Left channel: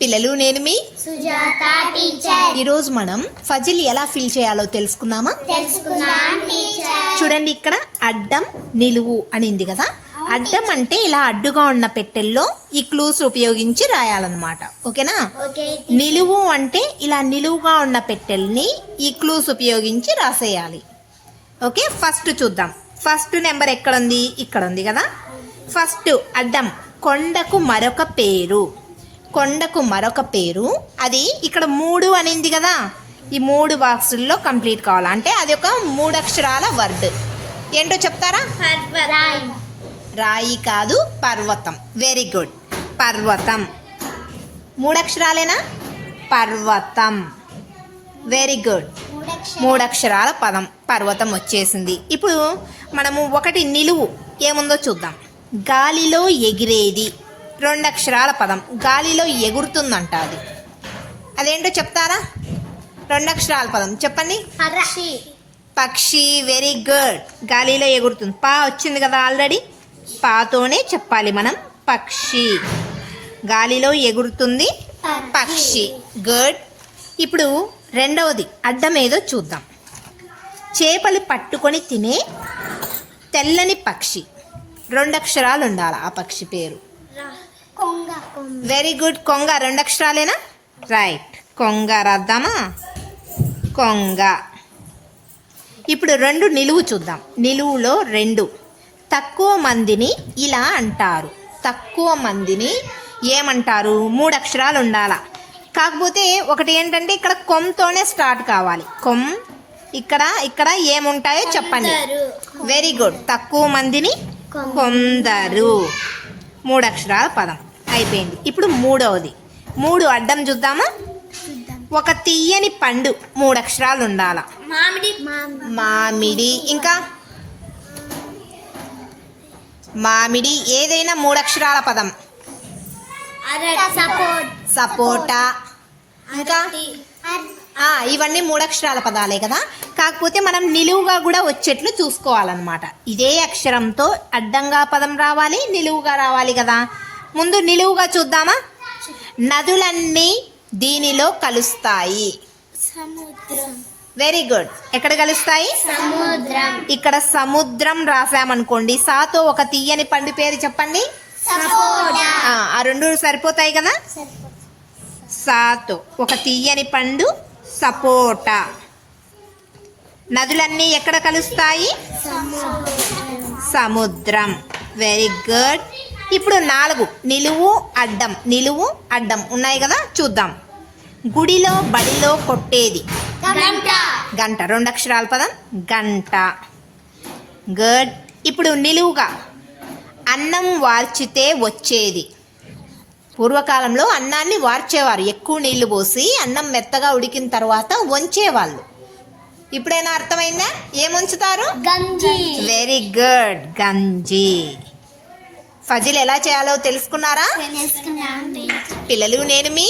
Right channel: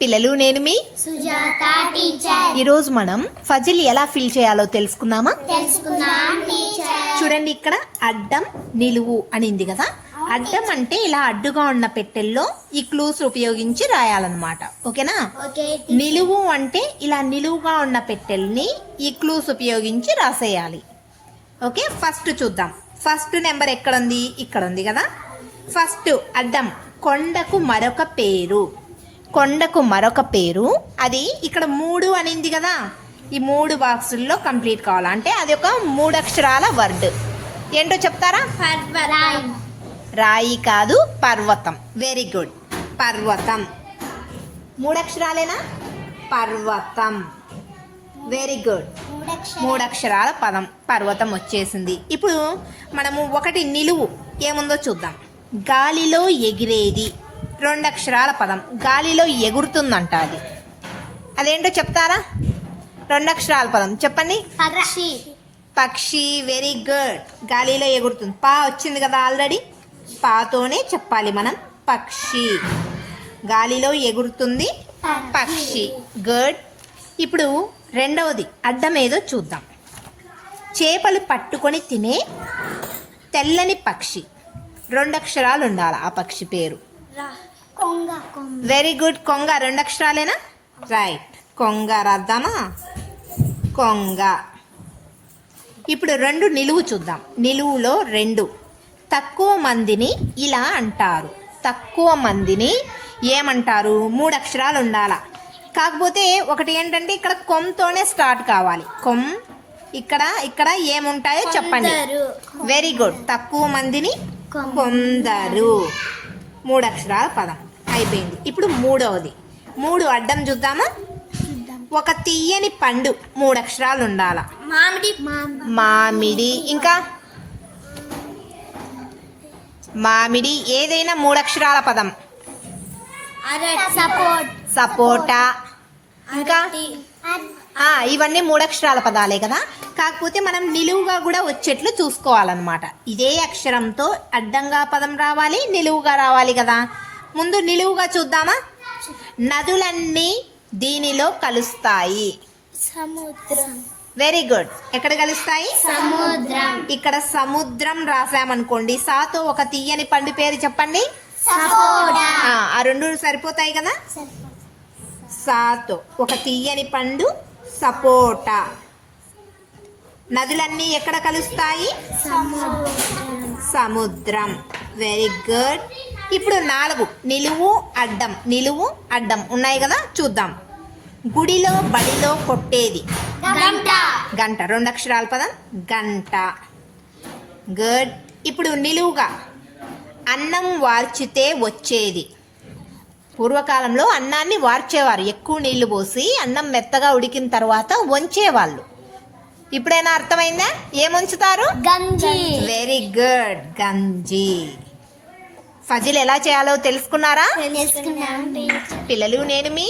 పిల్లలు నేను మీ ఈరోజు మనం ఫజిల్ ఎలా ఫిల్ చేయాలో తెలుసుకుందామా? చూడండి ఇక్కడ అడ్డం నిలువు అనింది కదా. అడ్డం అంటే ఇలా అడ్డుగా ఉన్న పెట్టెల్లో ఈ క్లూస్ ఉపయోగించి రాయాలన్నమాట. ఓకేనా? ఓకే నిలువు అంటే ఇలా నిలువుగా ఉన్న పెట్టెల్ని ఈ క్లూస్ ఉపయోగించి రాసేయాలి. ఓకే ఫస్ట్ చూద్దాం. ఫస్ట్ నెంబర్ ఎక్కడ ఉంది ఇక్కడ ఉంది కదా. ఫస్ట్ అడ్డం కొండకు మరొక పేరు. కొండకు మరొక పేరు. అది ఇక్కడ మూడు అనింది కదా. ఈ మూడు బాక్సుల్లో కంప్లీట్ కావాలి? అంటే అది ఒక మూడు అక్షరాల వర్డ్. ఏంటో చెప్తారా? పర్వతం. రాయి కాదు పర్వతం. వెరీ గుడ్ పర్వతం. మూడు అక్షరాలేనా పర్వతం. వెరీ గుడ్ మూడు అక్షరాల పదం. పర్వతం వచ్చేసింది. ఇప్పుడు మనము ఒకటి నిలువు. ఏముందో చూద్దాం. గాలిలో ఎగిరేది. రెండు అక్షరాల పదం. గాలిలో ఎగురుతుందంట అది అదేంటో చెప్తారా? రెండు అక్షరాల పదం. చెప్పండి. పక్షి. పక్షి వెరీ గుడ్ గాలిలో ఎగురుతుంది. పా వచ్చింది కదా ఆల్రెడీ పాతోనే చెప్పాలి మనం. పక్షి. గాలిలో ఎగురుతుంది పక్షి. గుడ్ ఇప్పుడు రెండవది. అడ్డం ఏదో చూద్దాం. చేపలు పట్టుకొని తినే తెల్లని పక్షి. రెండు అక్షరాలు ఉండాలి ఆ పక్షి పేరు. వెరీ గుడ్ కొంగ రెండు అక్షరాలేనా? రైట్ కొంగ రాద్దామా? కొంగ. ఇప్పుడు రెండు నిలువు చూద్దాం. నిలువులో రెండు. తక్కువ మందిని ఇలా అంటారు. తక్కువ మందిని ఏమంటారు? మూడు అక్షరాలు ఉండాల. కాకపోతే ఒకటి ఏంటంటే ఇక్కడ కొమ్తోనే స్టార్ట్ కావాలి. కొమ్ ఇక్కడ ఇక్కడ ఏముంటాయో చెప్పండి. వెరీ గుడ్ తక్కువ మందిని కొందరు. మూడు అక్షరాల పదం. అయిపోయింది. ఇప్పుడు మూడవది. మూడు అడ్డం చూద్దామా? ఒక తీయని పండు మూడు అక్షరాలు ఉండాల? మామిడి మామిడి. ఇంకా? మామిడి ఏదైనా మూడు అక్షరాల పదం. సపోటా. ఇంకా? ఇవన్నీ మూడు అక్షరాల పదాలే కదా? కాకపోతే మనం నిలువుగా కూడా వచ్చేట్లు చూసుకోవాలన్నమాట. ఇదే అక్షరంతో అడ్డంగా పదం రావాలి నిలువుగా రావాలి కదా? ముందు నిలువుగా చూద్దామా? నదులన్నీ దీనిలో కలుస్తాయి. సముద్రం. వెరీ గుడ్ ఎక్కడ కలుస్తాయి? సముద్రం. ఇక్కడ సముద్రం రాసామనుకోండి. సాతో ఒక తీయని పండు పేరు చెప్పండి. ఆ రెండు సరిపోతాయి కదా? సాతో ఒక తీయని పండు సపోటా. నదులన్నీ ఎక్కడ కలుస్తాయి? సముద్రం. వెరీ గుడ్ ఇప్పుడు నాలుగు. నిలువు అడ్డం. నిలువు అడ్డం. ఉన్నాయి కదా? చూద్దాం. గుడిలో బడిలో కొట్టేది. గంట. గంట. రెండు అక్షరాల పదం. గంట. గుడ్. ఇప్పుడు నిలువుగా. అన్నం వార్చితే వచ్చేది. పూర్వకాలంలో అన్నాన్ని వార్చేవారు. ఎక్కువ నీళ్ళు పోసి అన్నం మెత్తగా ఉడికిన తర్వాత వంచేవాళ్ళు. ఇప్పుడైనా అర్థమైందా? ఏం ఉంచుతారు గంజి. Very good. గంజి. ఫజిల్ ఎలా చేయాలో తెలుసుకున్నారా? పిల్లలు నేను మీ